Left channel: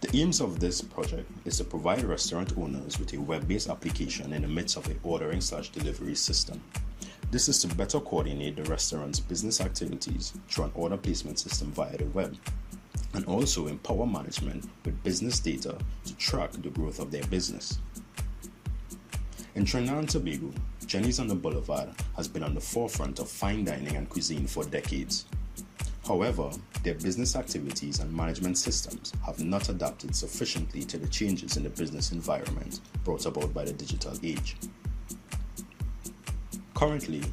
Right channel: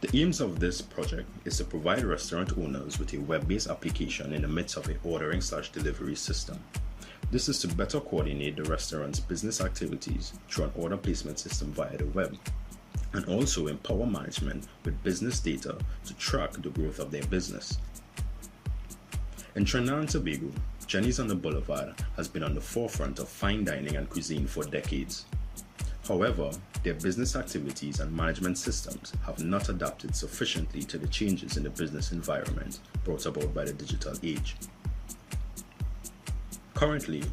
The aims of this project is to provide restaurant owners with a web-based application in the midst of a ordering/delivery system. This is to better coordinate the restaurant's business activities through an order placement system via the web, and also empower management with business data to track the growth of their business. In Trinidad and Tobago, Jenny's on the Boulevard has been on the forefront of fine dining and cuisine for decades. However, their business activities and management systems have not adapted sufficiently to the changes in the business environment brought about by the digital age. Currently,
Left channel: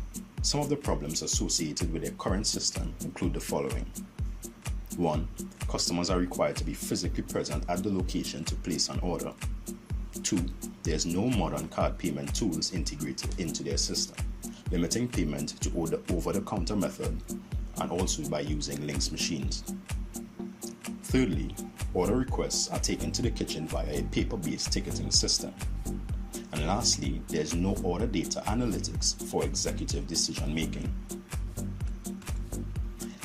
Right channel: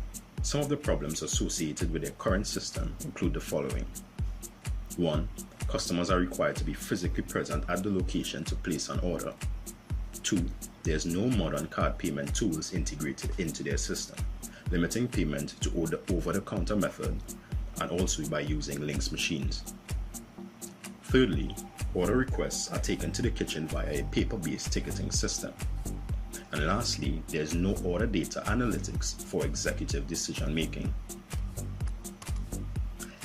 some of the problems associated with their current system include the following. 1. Customers are required to be physically present at the location to place an order. 2. There is no modern card payment tools integrated into their system, limiting payment to over-the-counter method and also by using links machines. Thirdly, order requests are taken to the kitchen via a paper-based ticketing system. And lastly, there is no order data analytics for executive decision making.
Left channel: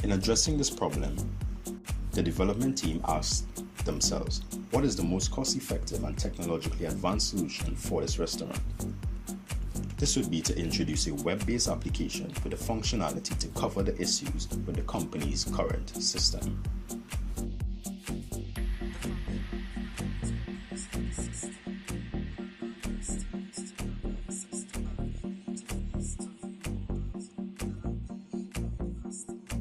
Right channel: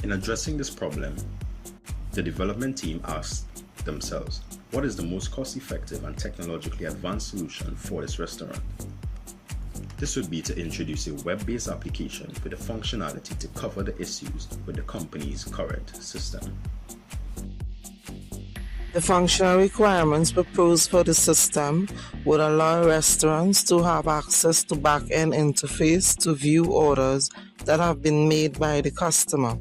In addressing this problem, the development team asked themselves, what is the most cost-effective and technologically advanced solution for this restaurant? This would be to introduce a web-based application with the functionality to cover the issues with the company's current system. The functional requirements proposed for the system would allow restaurants to have access to back-end interface to view orders that have been made by the customer.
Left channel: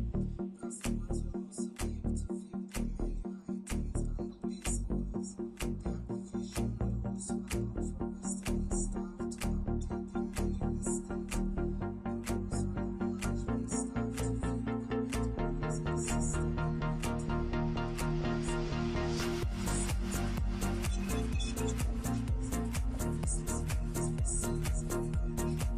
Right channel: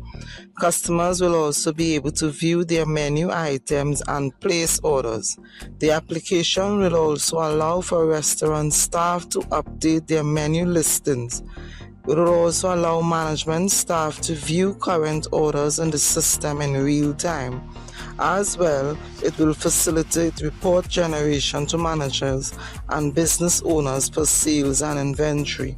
Customers will also be able to view their menu items and place orders. The application will also allow for restaurant staff to update their menu listings. It will also allow management staff to view current orders in the system in real time. As well, it will facilitate report generation to managers and business owners for sales and inventory.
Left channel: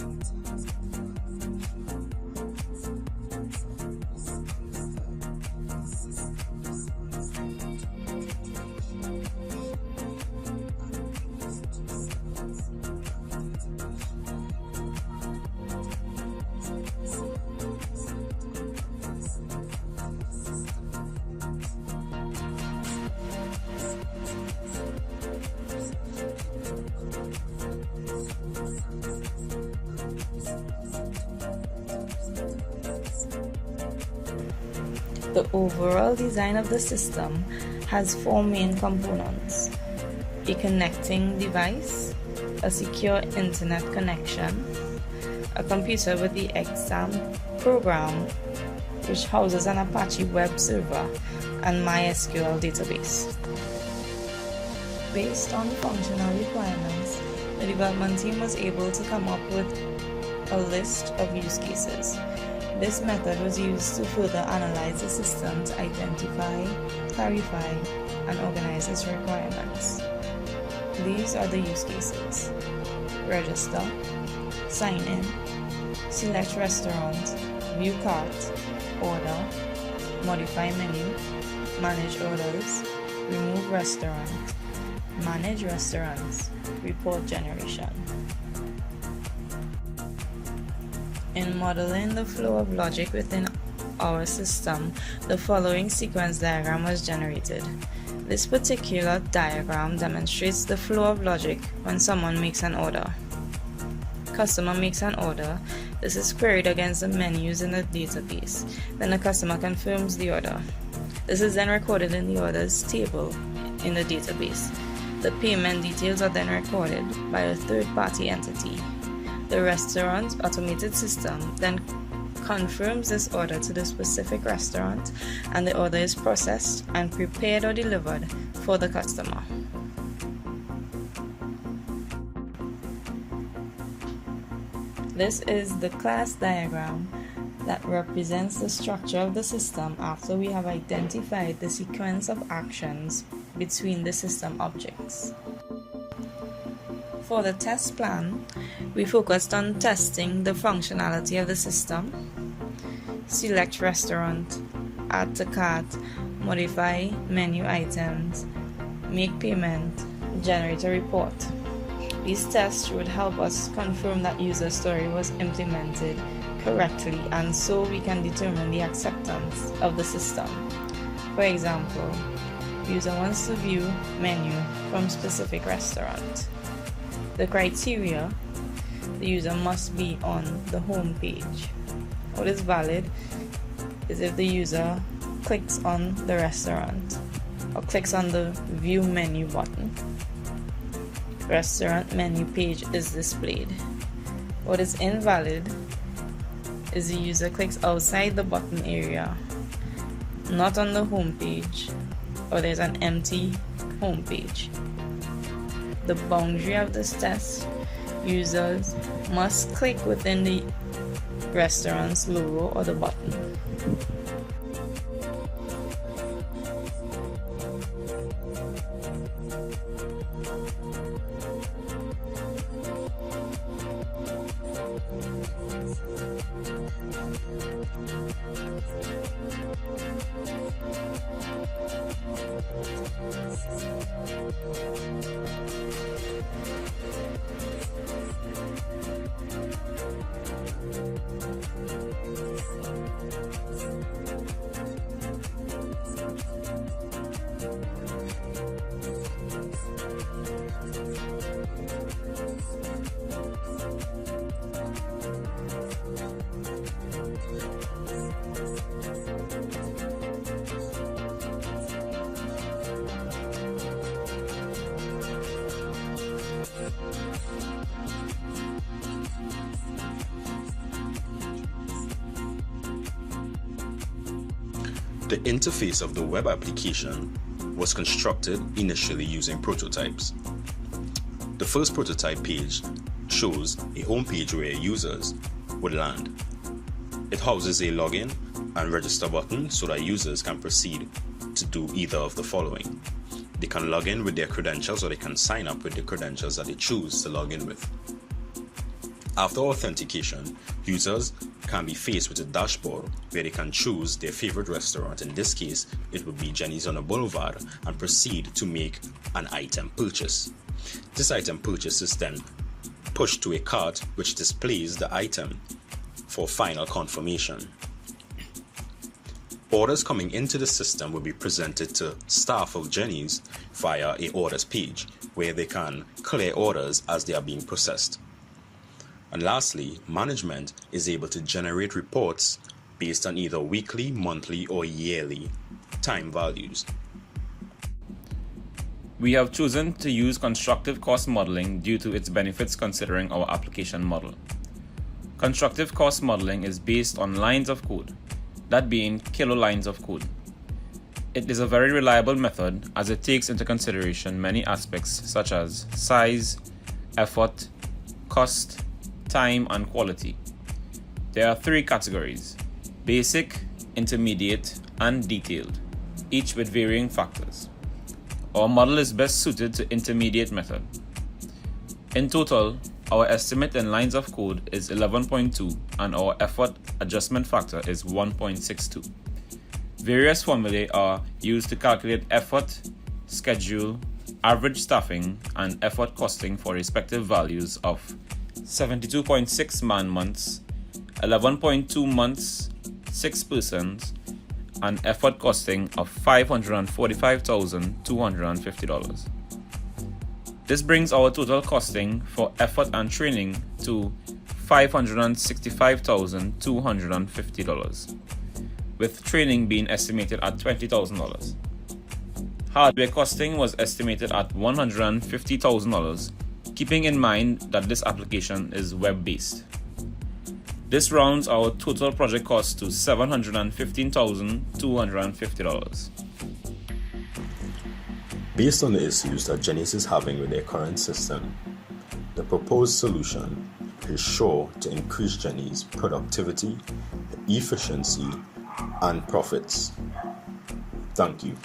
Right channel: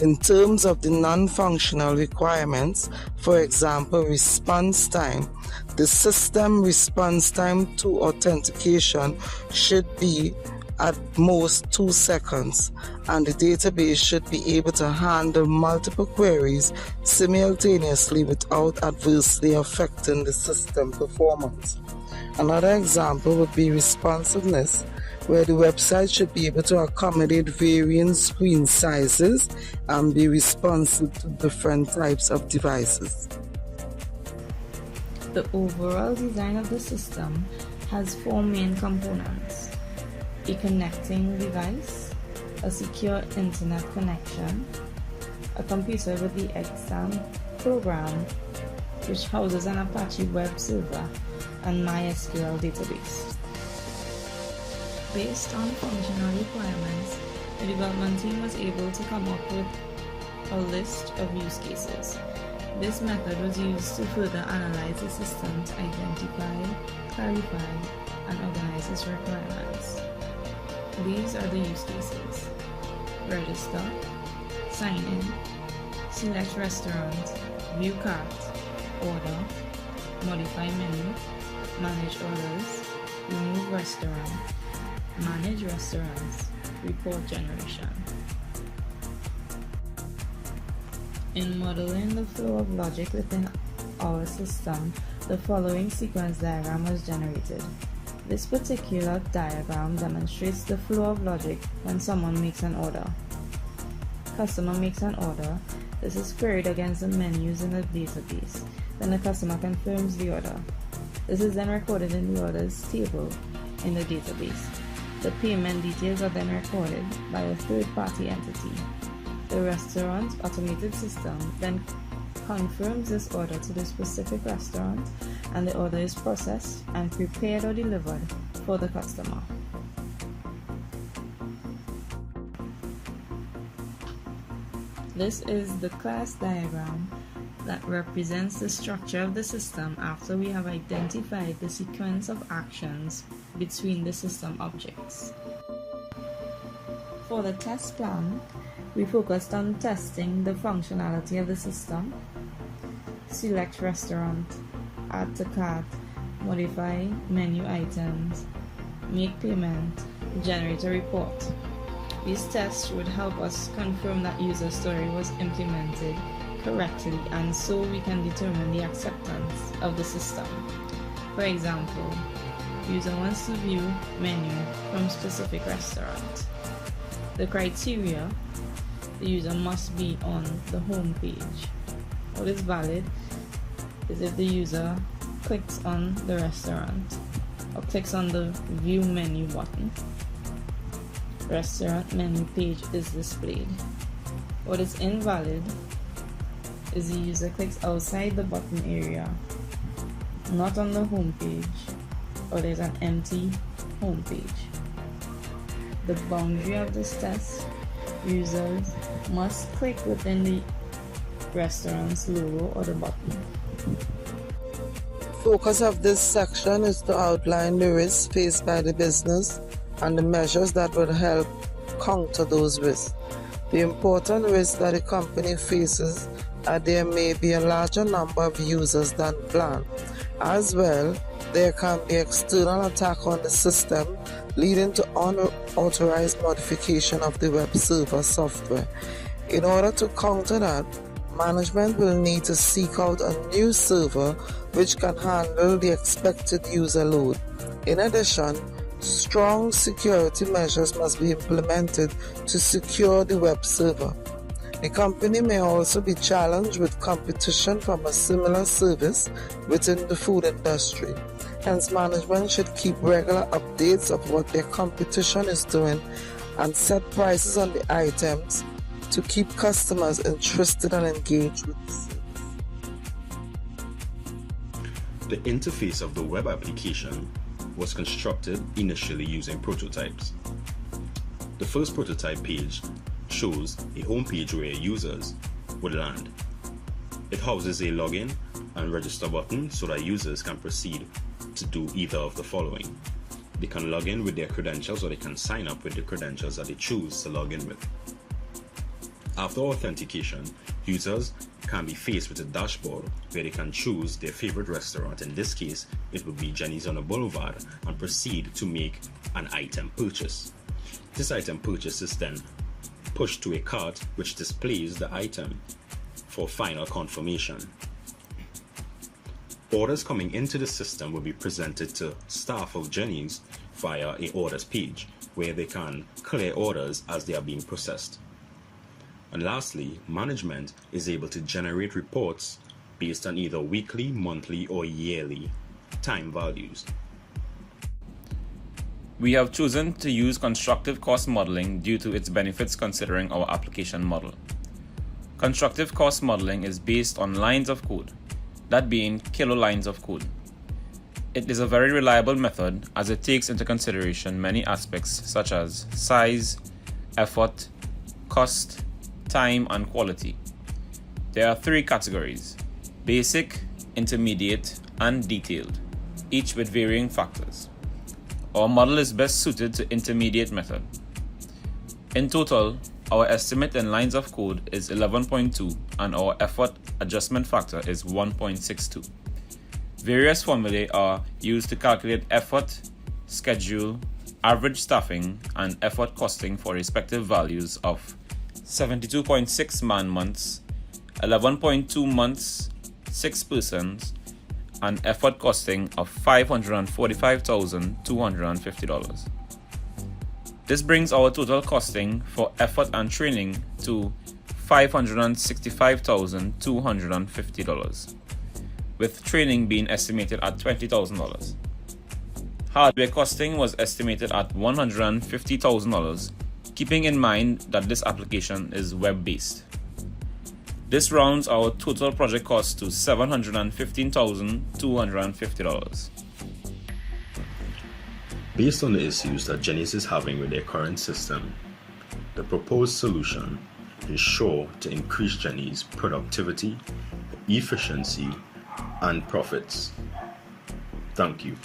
In terms of the non-functional requirements, for example, response time, the system response time to authentication should be at most 2 seconds, and the database should be able to handle multiple queries simultaneously without adversely affecting the system performance. Another example would be responsiveness, where the website should be able to accommodate varying screen sizes and be responsive to different types of devices. The overall design of the system has 4 main components: a connecting device, a secure internet connection, a computer with the exam program, which houses an Apache web server, and MySQL database. Based on functional requirements, the development team was able to come up with a list of use cases. This method was used to further analyze the system to identify, clarify, and organize its requirements. These are the use cases: register, sign in, select restaurant, view cart, order, modify menu, manage orders, remove restaurant, manage restaurants, report generation. In modeling the flow of logic within our system, the following sequence diagram was generated. This particular diagram demonstrates the flow of logic when someone makes an order. Customer makes an order. This is queried against the menus in the database. Then the customer confirms the order. This is then recorded in the orders table in the database. The payment details are then recorded by a third-party entity. The restaurant's automated system then confirms this order to the specific restaurant, and the order is processed and prepared or delivered for the customer. This is the class diagram that represents the structure of the system after we have identified the sequence of actions between the system objects. For the test plan, we focused on testing the functionality of the system, select restaurant, add to cart, modify menu items, make payment, generate a report. These tests would help us confirm that user story was implemented correctly, and so we can determine the acceptance of the system. For example, User wants to view menu from specific restaurant. The criteria: the user must be on the home page. What is valid is if the user clicks on the restaurant or clicks on the view menu button. Restaurant menu page is displayed. What is invalid is the user clicks outside the button area, not on the home page, or there's an empty home page. The boundary of this test: users must click within the restaurant's logo or the button. Focus of this section is to outline the risks faced by the business and the measures that will help counter those risks. The important risks that the company faces are there may be a larger number of users than planned. As well, there can be external attack on the system, leading to unauthorized modification of the web server software. In order to counter that, management will need to seek out a new server which can handle the expected user load. In addition, strong security measures must be implemented to secure the web server. The company may also be challenged with competition from a similar service within the food industry. Hence, management should keep regular updates of what their competition is doing and set prices on the items to keep customers interested and engaged with the service. The interface of the web application was constructed initially using prototypes. The first prototype page shows a home page where users would land. It houses a login and register button so that users can proceed to do either of the following. They can log in with their credentials, or they can sign up with the credentials that they choose to log in with. After authentication, users can be faced with a dashboard where they can choose their favorite restaurant. In this case, it would be Jenny's on the Boulevard, and proceed to make an item purchase. This item purchase is then pushed to a cart which displays the item for final confirmation. Orders coming into the system will be presented to staff of Jenny's via a orders page where they can clear orders as they are being processed. And lastly, management is able to generate reports based on either weekly, monthly, or yearly time values. We have chosen to use constructive cost modeling due to its benefits considering our application model. Constructive cost modeling is based on lines of code, that being kilolines of code. It is a very reliable method as it takes into consideration many aspects such as size, effort, cost, time, and quality. There are 3 categories: basic, intermediate, and detailed, each with varying factors. Our model is best suited to intermediate method. In total, our estimate in lines of code is 11.2 and our effort adjustment factor is 1.62. Various formulae are used to calculate effort, schedule, average staffing, and effort costing for respective values of 72.6 man-months, 11.2 months, 6 persons, and effort costing of $545,250. This brings our total costing for effort and training to $565,250, with training being estimated at $20,000. Hardware costing was estimated at $150,000, keeping in mind that this application is web-based. This rounds our total project cost to $715,250. Based on the issues that Jenny's is having with their current system, the proposed solution is sure to increase Jenny's productivity, efficiency, and profits. Thank you.